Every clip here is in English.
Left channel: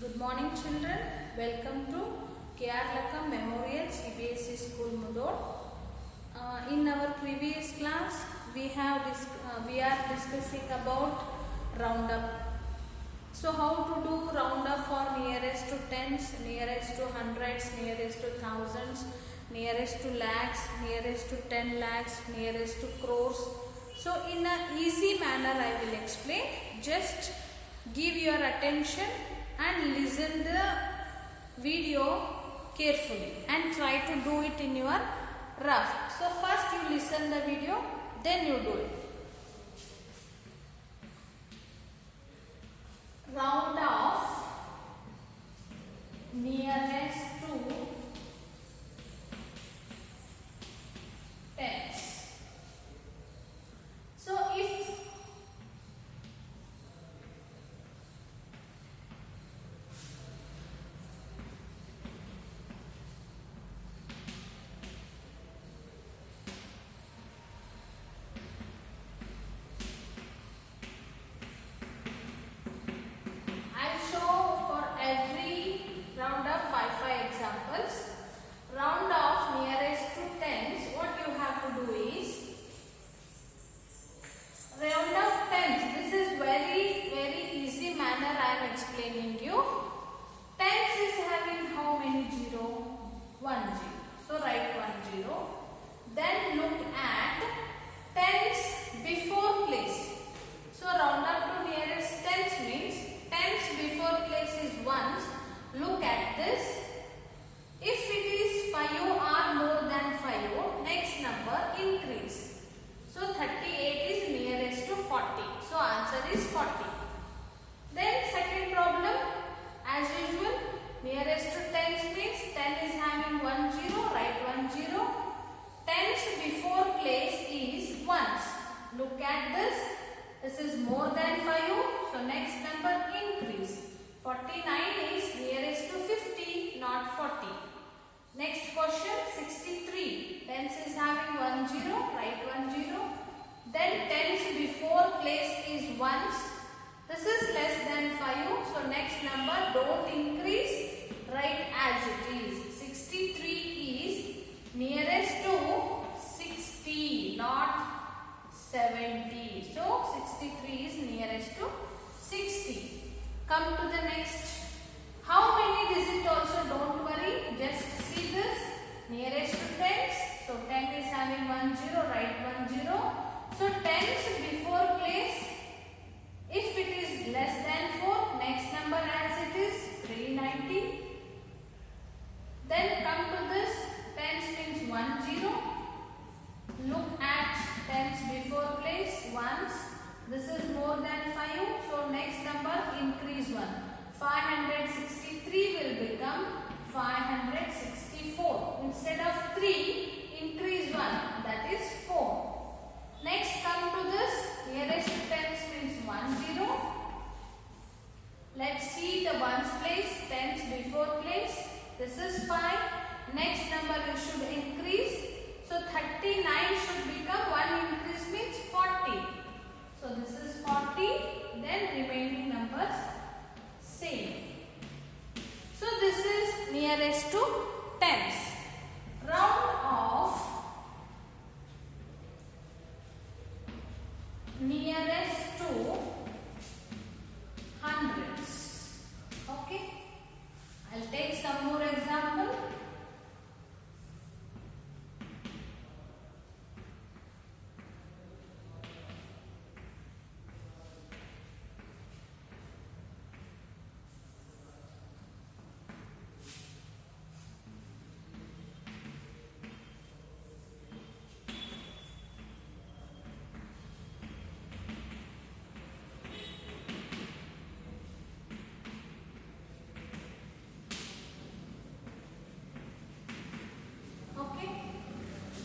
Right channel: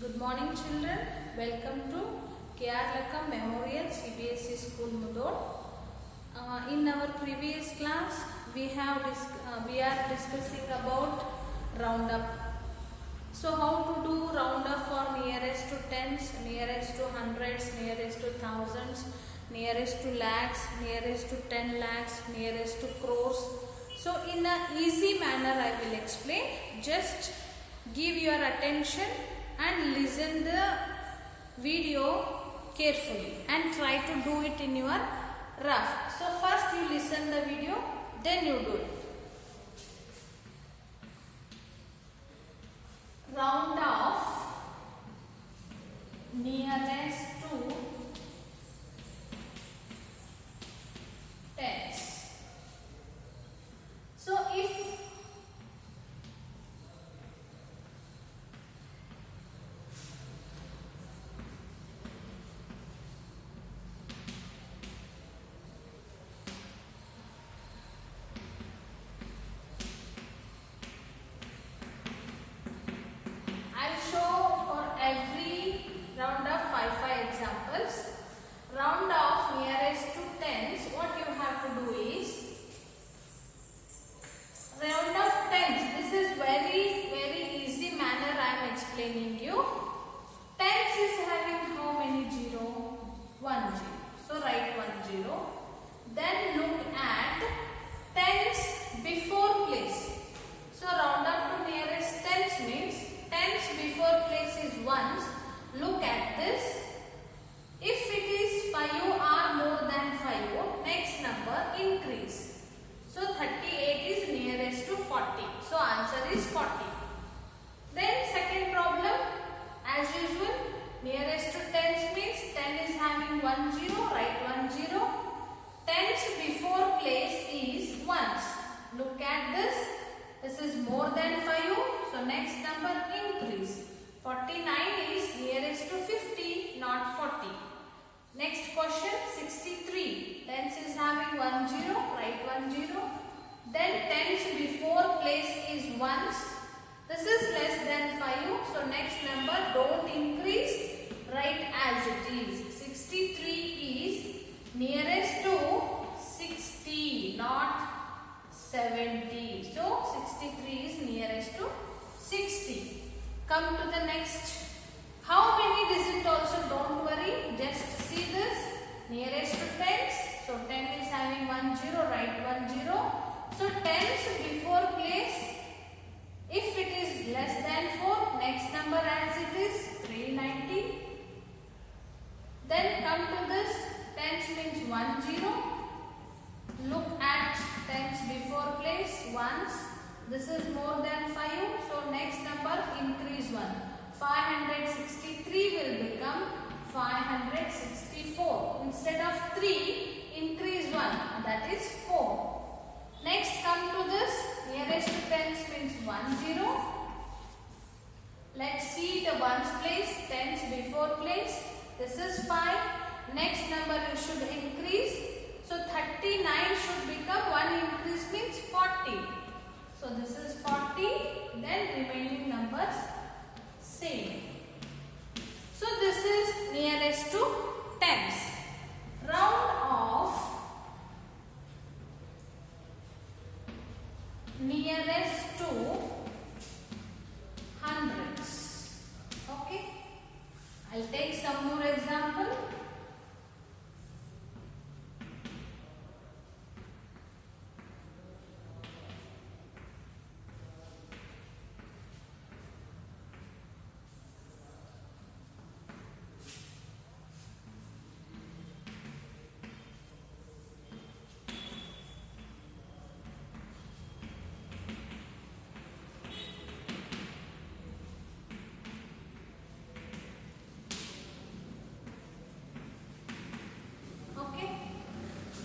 Good morning children. Welcome to K.R. Lakam Memorial CBSE School Mudod. In our previous class we are discussing about roundup. So how to do roundup for nearest to tens, nearest to hundreds, nearest to thousands, nearest to lakhs, nearest to 10 lakhs, nearest to crores. So in a easy manner I will explain. Just give your attention and listen the video carefully and try to do it in your rough. So first you listen the video, then you do it. Round off nearest to tens. So if every round of 5 examples. Round off nearest to tens, what you have to do is round of tens. This is very easy manner I am explaining you. Tens is having how many 0? 1 0. So write 1 0. Then look at tens before place. So round up to nearest tens means tens before place is ones. Look at this. If it is 5 or more than 5, next number increase. So 38 is nearest to 40. So answer is 40. Then second problem, as usual, nearest to tens means 10 is having 1 0. Write 1 0. Tens before place is ones. Look at this. This is more than 5, so next number increase. 49 is nearest to 50, not 40. Next question, 63. Tens is having 1 0, write 1 0. Then tens before place is ones. This is less than 5, so next number don't increase, write as it is. 63 is nearest to 60, not 70. So 63 is nearest to 60. Come to the next. How many digit also, don't worry. Just see this. Nearest to tens. So 10 is having 1 0. Write 1 0. So tens before place. If it is less than 4, next number as it is 390. Then come to this. Tens means 1 0. Look at tens before place, ones. This is more than 5, so next number increase 1. 563 will become 564. Instead of 3, increase 1, that is 4. Next come to this, nearest to tens means 1 0. Let's see the ones place, tens before place. This is 5. Next number you should increase. So 39 should become 1 increase means 40. So this is 40. Then remaining numbers same. So this is nearest to tens. Round off nearest to hundreds. Okay. I'll take some more example.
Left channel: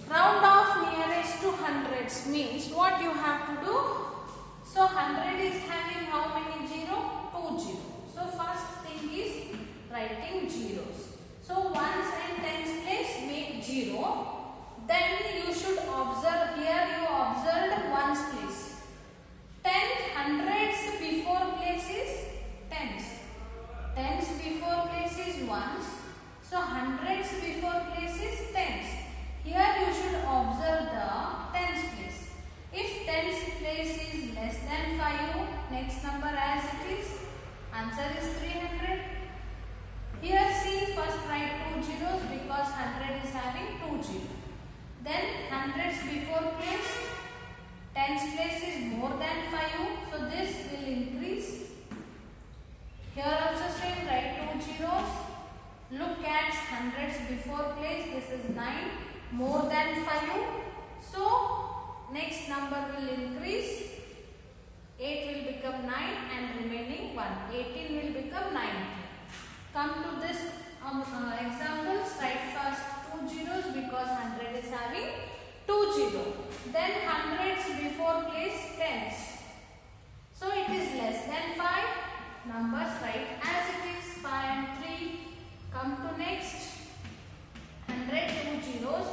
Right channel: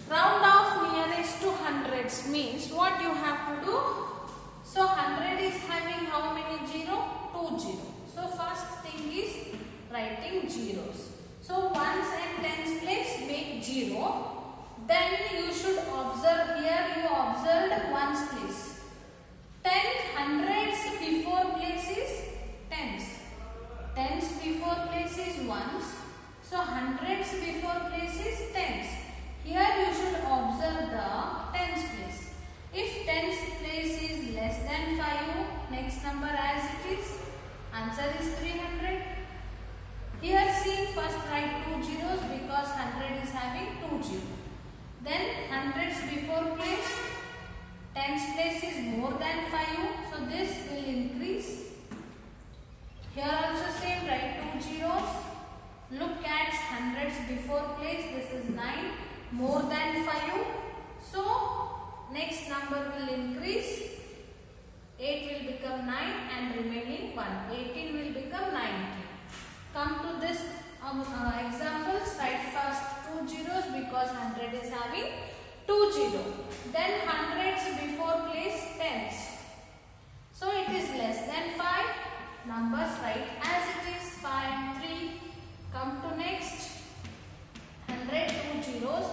Round off nearest to hundreds means what you have to do. So 100 is having how many 0? 2 0. So first thing is writing zeros. So ones and tens place make 0. Then you should observe here, you observed ones place. 10 hundreds before place is tens. Tens before place is ones. So hundreds before place is tens. Here you should observe the tens place. If tens place is less than 5, next number as it is. Answer is 300. Here see, first write 2 zeros because 100 is having 2 zeros. Then hundreds before place. Tens place is more than 5, so this will increase. Here also same, write 2 zeros. Look at hundreds before place, this is 9, more than 5. So next number will increase. 8 will become 9 and remaining 1. 18 will become 90. Come to this examples, write first 2 zeros because 100 is having 2 0. Then hundreds before place tens. So it is less than 5. Numbers write as it is 5 and 3. Come to next. 100 2 zeros.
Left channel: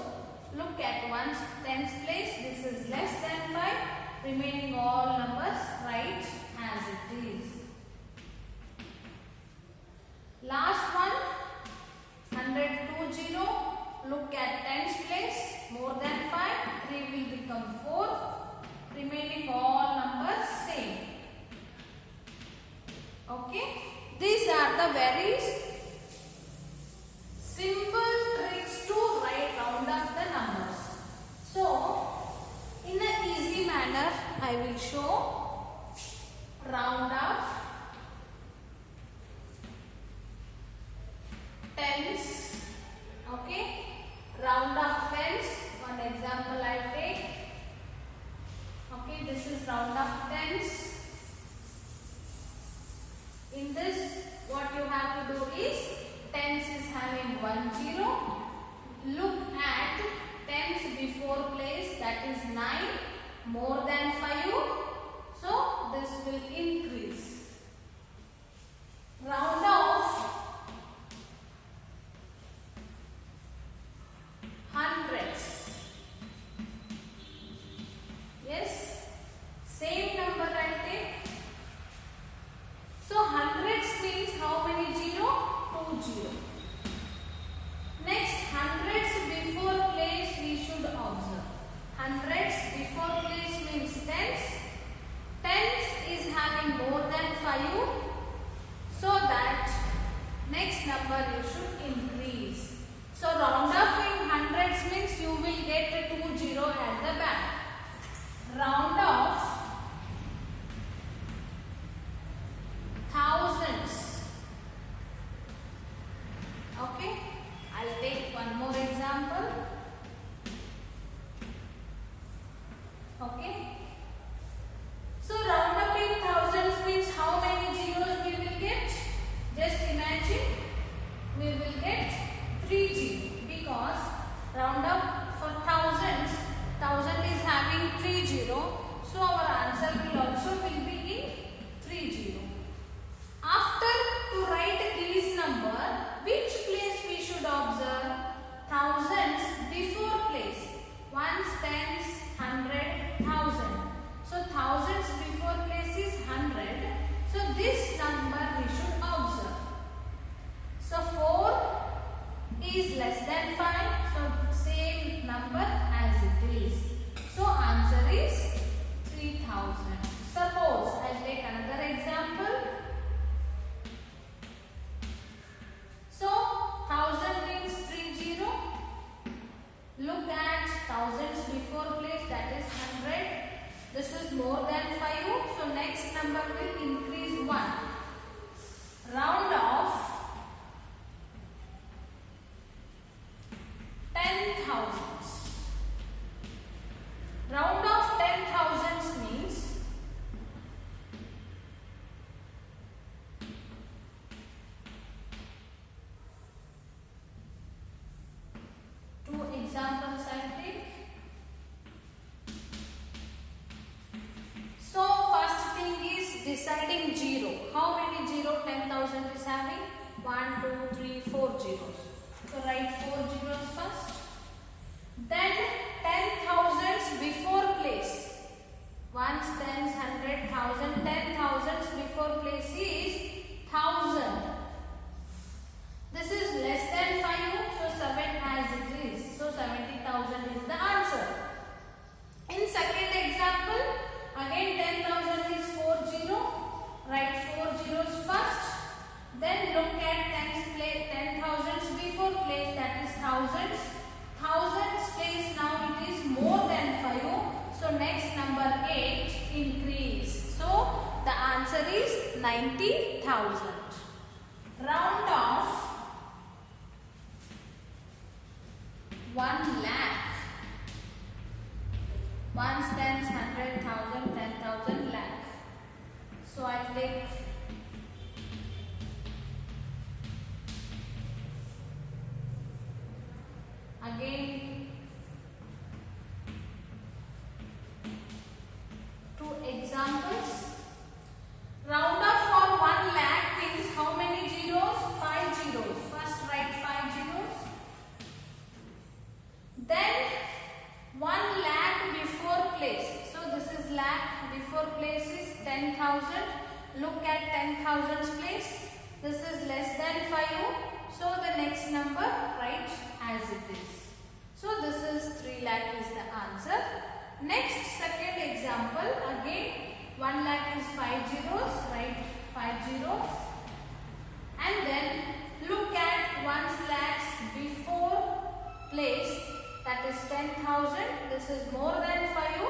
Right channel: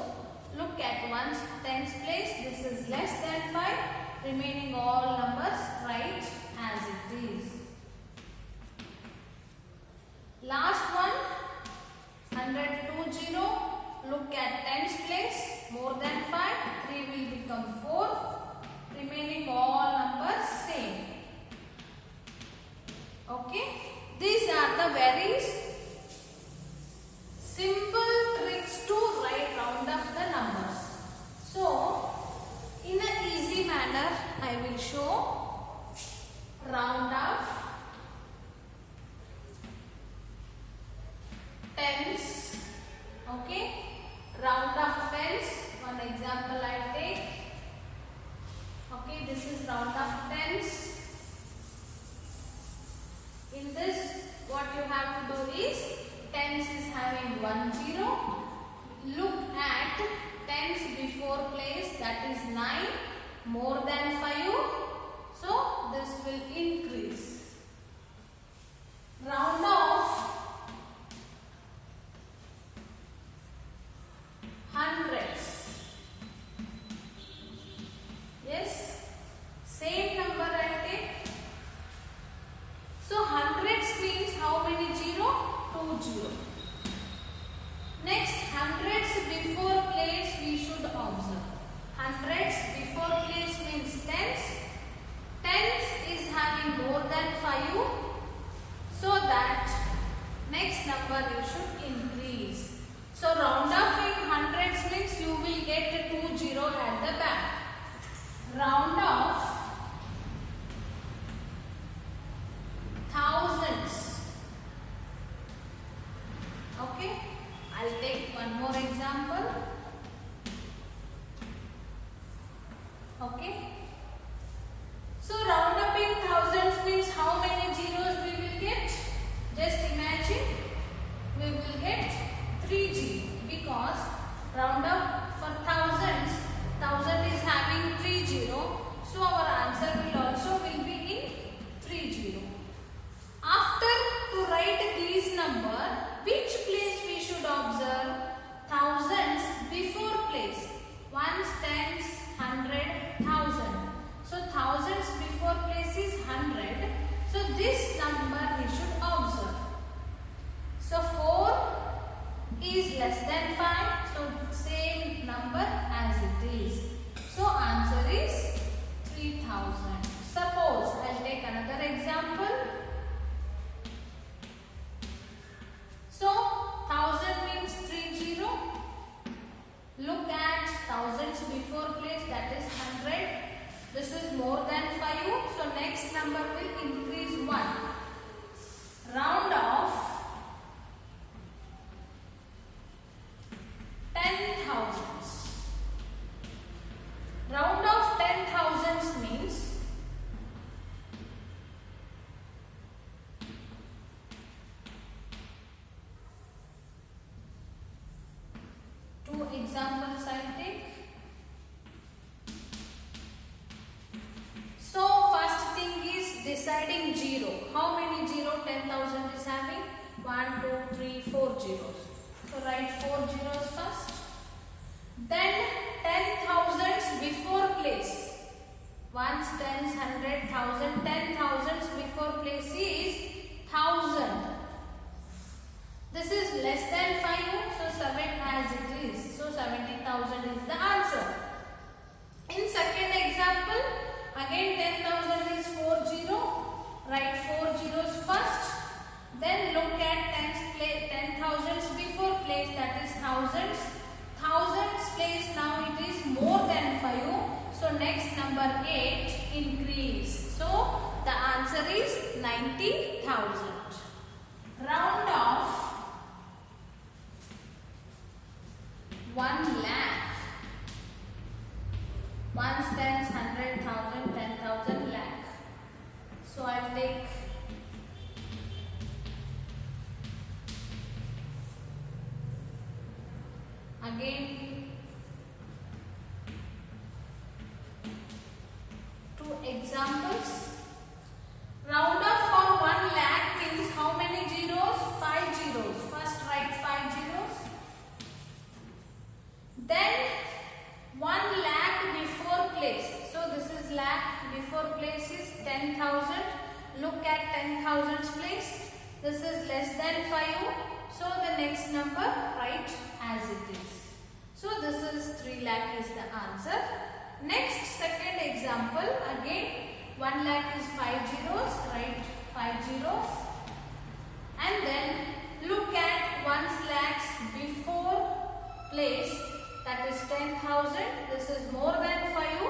Look at ones tens place. This is less than 5. Remaining all numbers write as it is. Last one. 100 2 0. Look at tens place. More than 5. 3 will become 4. Remaining all numbers same. Okay. These are the very simple tricks to round up the numbers. So, in an easy manner, I will show round up tens. Okay. Round up tens. One example I take. Okay, this is round up tens. In this, what you have to do is, tens is having 1 0. Look at tens before place, that is 9, more than 5. So this will increase. Round off hundreds. Yes, same number I take. So hundreds means how many 0? 2 0. Next, hundreds before place we should observe. Hundreds before place means tens. Tens is having more than 5, so that next number you should increase. So round up in hundreds means you will get the 2 0 at the back. Round off thousands. Okay, I'll take one more example. Okay, so round up in thousands means how many zeros we will get? Just imagine, we will get 3 zeros because round up for thousands, 1000 is having 3 0, so our answer will also be in 3 0. After to write these number, which place we should observe? Thousands before place. Ones, tens, 100, 1000. So thousands before place is 100. So this number we should observe. So 4 is less than 5. So same number as it is. So answer is 3000. Suppose I'll take another example. So 1000 means 30. Look at thousands before place, that is 100. This is more than 5. So next number will increase 1. Round off 10,000. Round off 10,000 means two examples I take. So first thing is deciding 0. How many 0 10,000 is having? 1, 2, 3, 4 zeros. So write 4 zeros first. Then 10,000s before place. Ones, tens, 100, 1000. 10,000s before place is 1000. Again, 2 examples. Round up for 1 lakh means how many zeros? 5 zeros. First write 5 zeros. Then 1 lakh before place. So this is lakh, before place is 10,000. Look at 10,000's place. This is less than 5. So the next number write as it is. So this is 3 lakh is the answer. Next, second example. Again 1 lakh is 5 zeros. Write 5 zeros. And then look at 1 lakh's before place, that is 10,000. This is more than 5.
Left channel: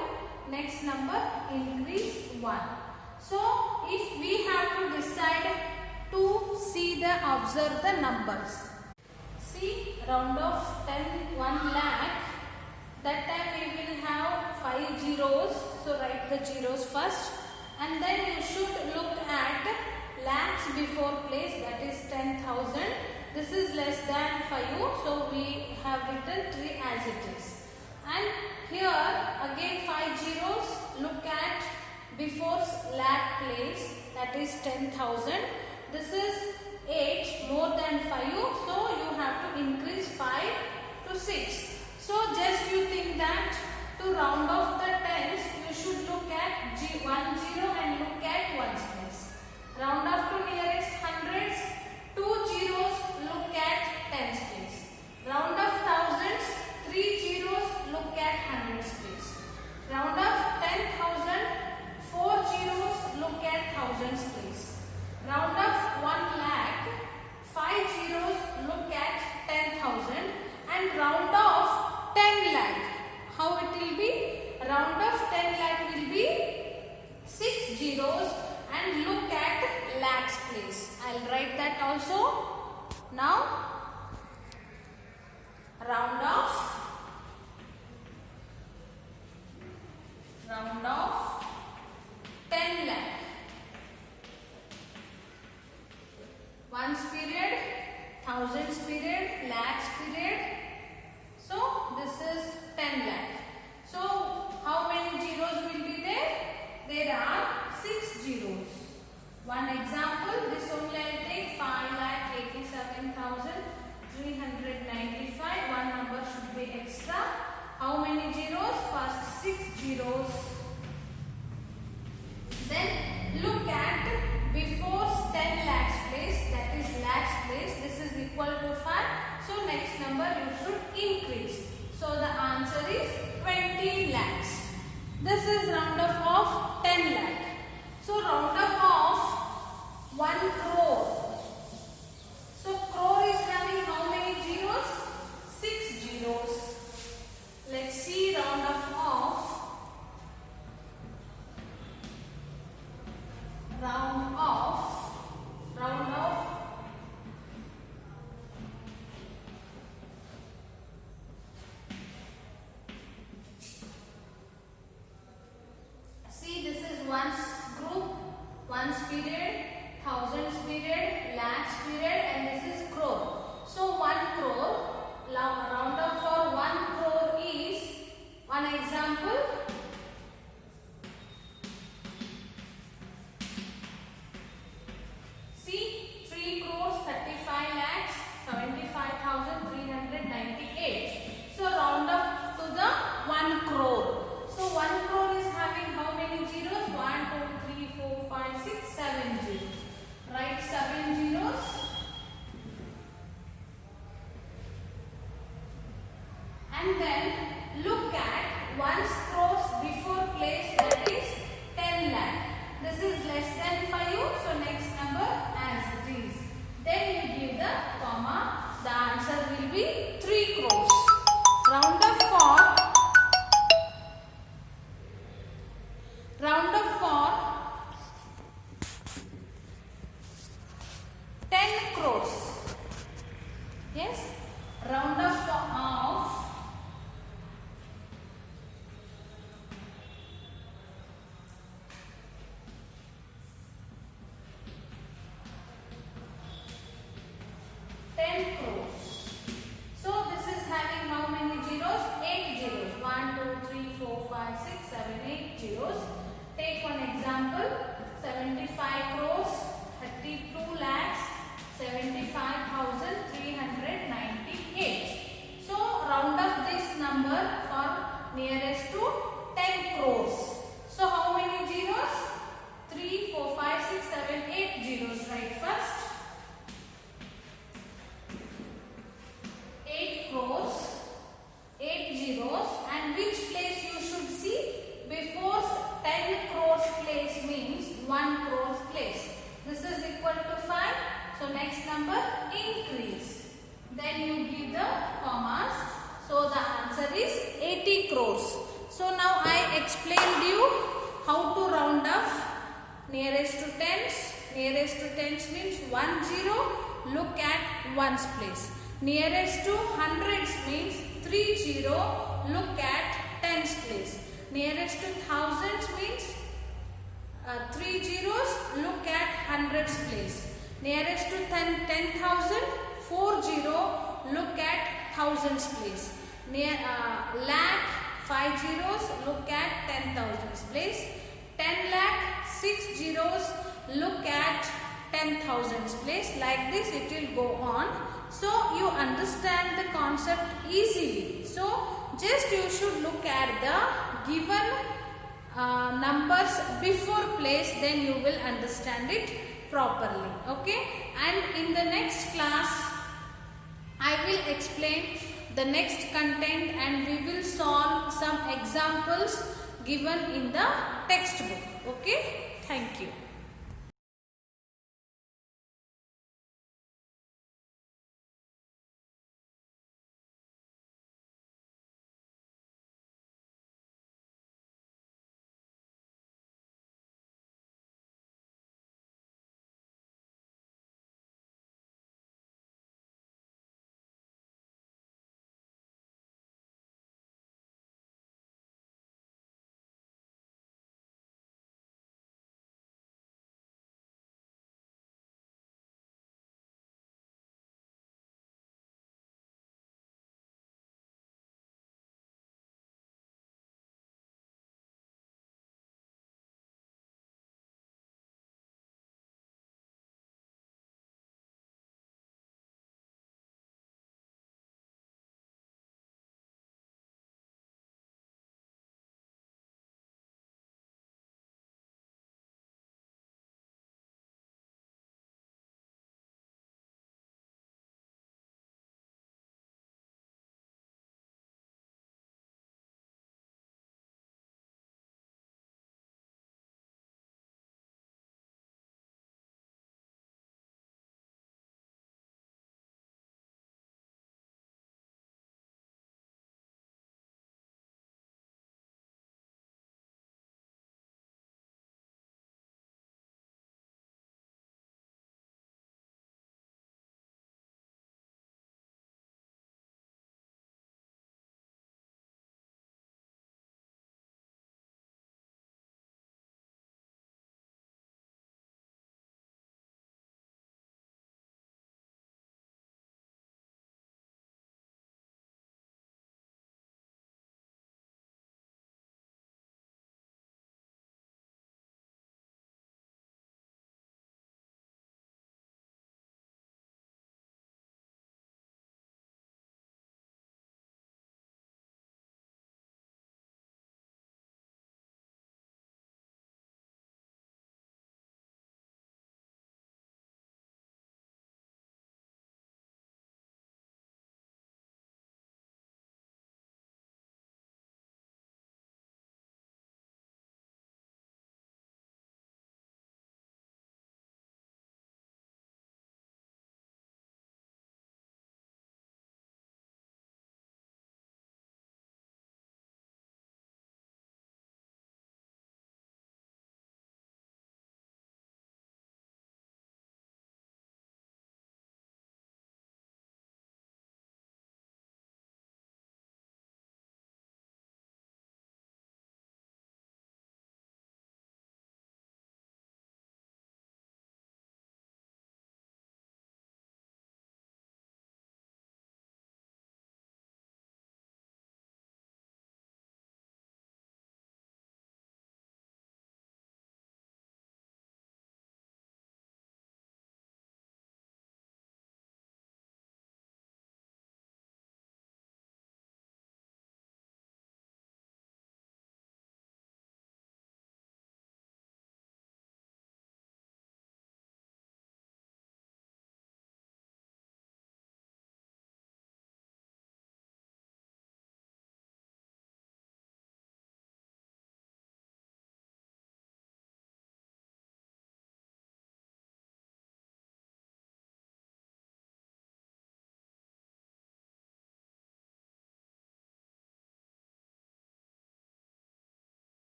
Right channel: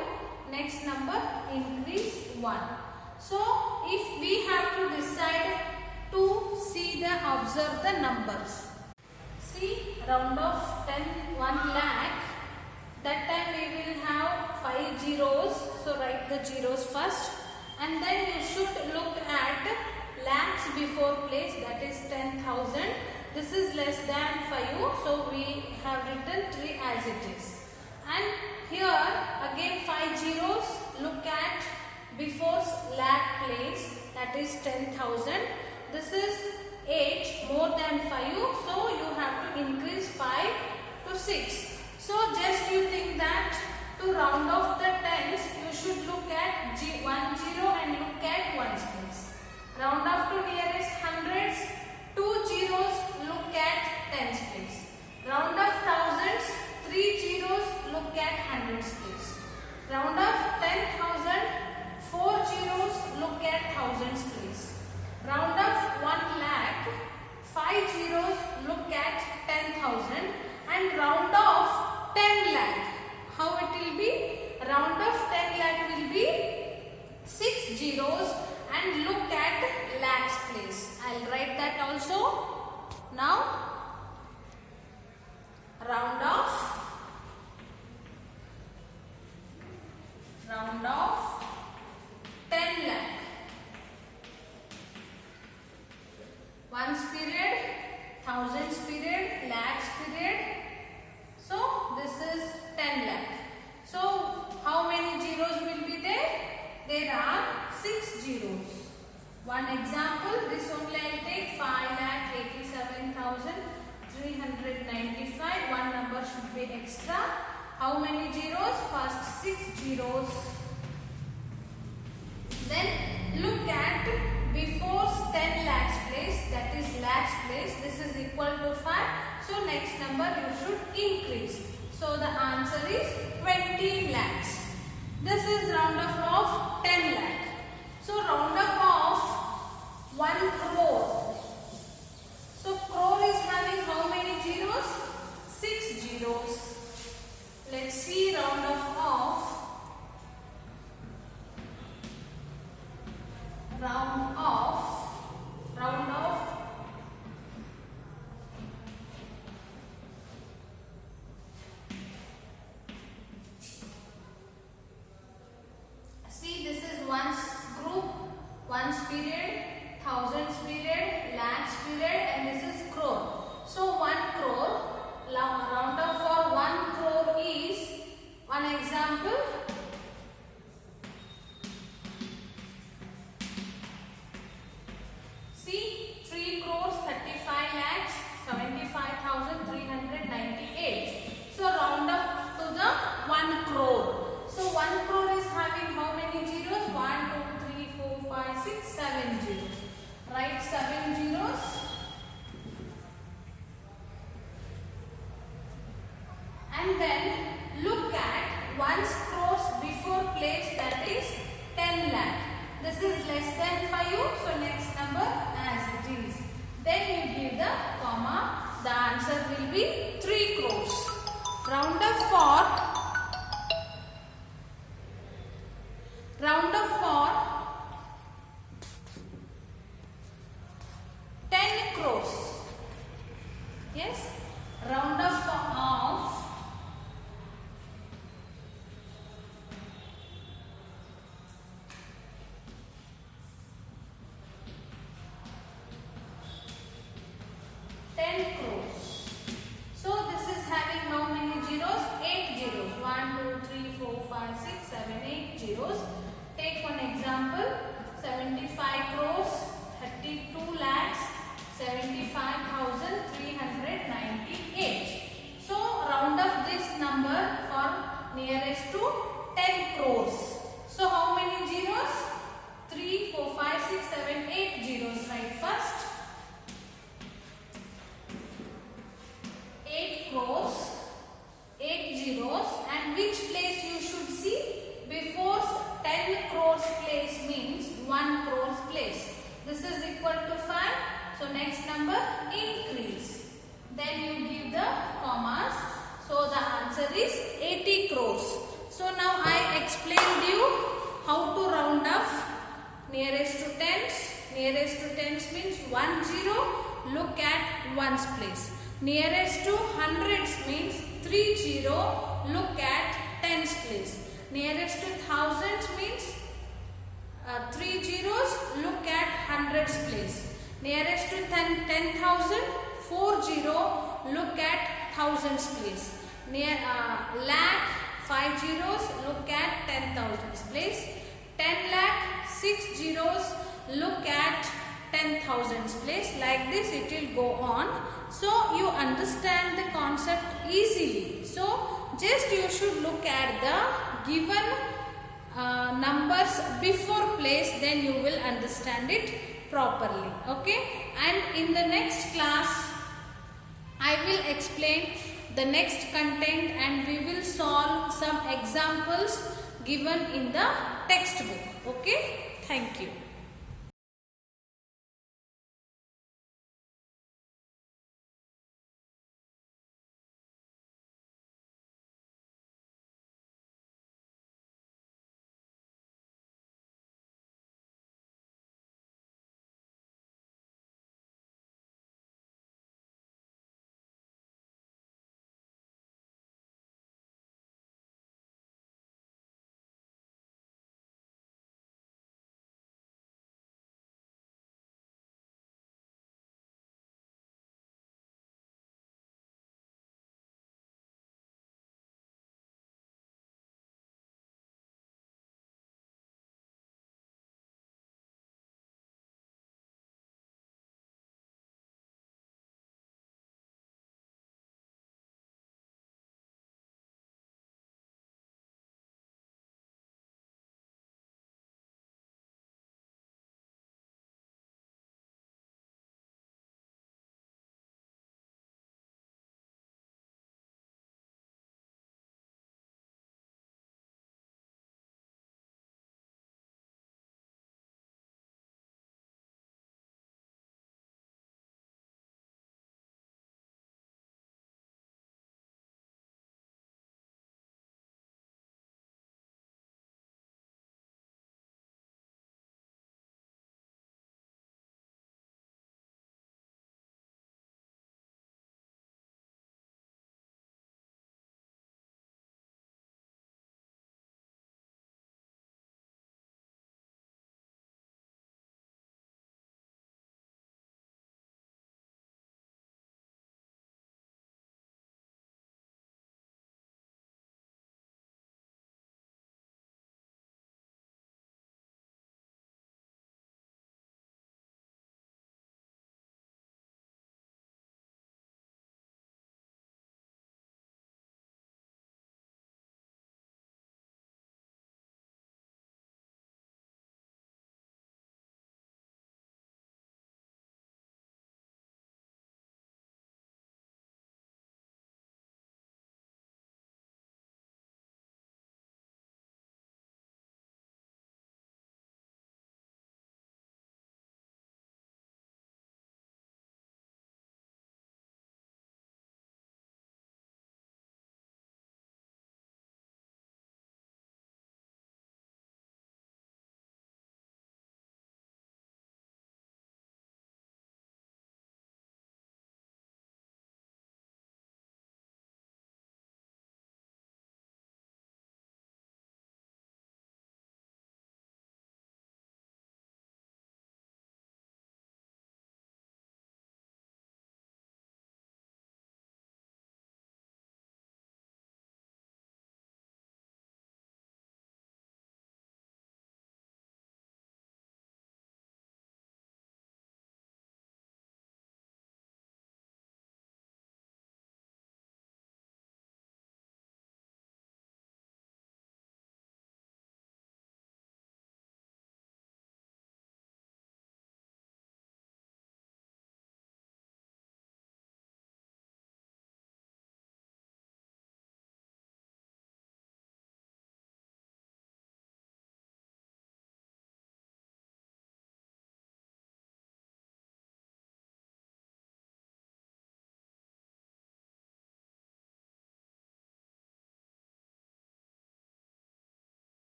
Next number increase 1. So if we have to decide to see the observe the numbers. See, round off 1 lakh. That time we will have 5 zeros. So write the zeros first. And then you should look at lakhs before place, that is 10,000. This is less than 5. So we have written 3 as it is. And here again 5 zeros. Look at before lakh place, that is 10,000. This is 8 more than 5. So you have to increase 5 to 6. So just you think that to round off the tens, you should look at 1 0 and look at 1's place. Round off to nearest hundreds, 2 zeros, look at tens place. Round off thousands, 3 zeros, look at hundreds place. Round off 10,000, 4 zeros, look at thousands place. Round off 1 lakh, 5 zeros, look at 10,000. And round off 10 lakh. How it will be? Round off 10 lakh will be 6 zeros and look at lakhs place. I'll write that also. Now, round off 10 lakh. Ones period, thousands period, lakhs period. So this is 10 lakh. So how many zeros will be there? There are 6 zeros. One example, this only I will take 5,87,395. One number should be extra. How many zeros? First 6 zeros. Then look at before 10 lakhs place, that is lakhs place. This is equal to 5. So next number you should increase. So the answer is 20 lakhs. This is round off of 10 lakh. So round off of 1 crore. So crore is having how many zeros? 6 zeros. Let's see round off of 1's group, 1's period, thousands period, lakhs period, and this is crore. So 1 crore, round up for 1 crore is, one example, see 3 crores 35 lakhs 75,398. So round up to the 1 crore. So 1 crore is having how many zeros? 1, 2, 3, 4, 5, 6, 7 zeros. Write 7 zeros. And then look at 1's crores before place, that is 10 lakh. This is less than 5, so next number as it is. Then you give the comma. The answer will be 3 crores. Round up for 10 crores. Yes, round up of 10 crores. So this is having how many crores 32 lakhs 75,398. So round up this number for nearest to 10 crores. So how many zeros? 3, 4, 5, 6, 7, 8 zeros. Right first. 8 crores, 8 zeros, and which place you should see? Before 10 crores place means 1 crores place. This is equal to 5. So next number increase. Then you give the commas. So the answer is 80 crores. So now I explained you how to round off nearest to tens. Nearest to tens means 1 0. Look at ones place. Nearest to hundreds means 3 0. Look at tens place. Nearest to thousands means 3 zeros. Look at hundreds place. Nearest to 10,000, 4 0. Look at thousands place. Near lakh, 5 zeros. Look at 10,000s place. 10 lakh, 6 zeros. Look at 10,000s place. Like this it will go on. So you understand the concept easily. So just you should look at the given numbers before place, then you will understand it properly. Okay, and in the next class I will explain the next content and we will solve some examples given in the textbook. Okay, thank you.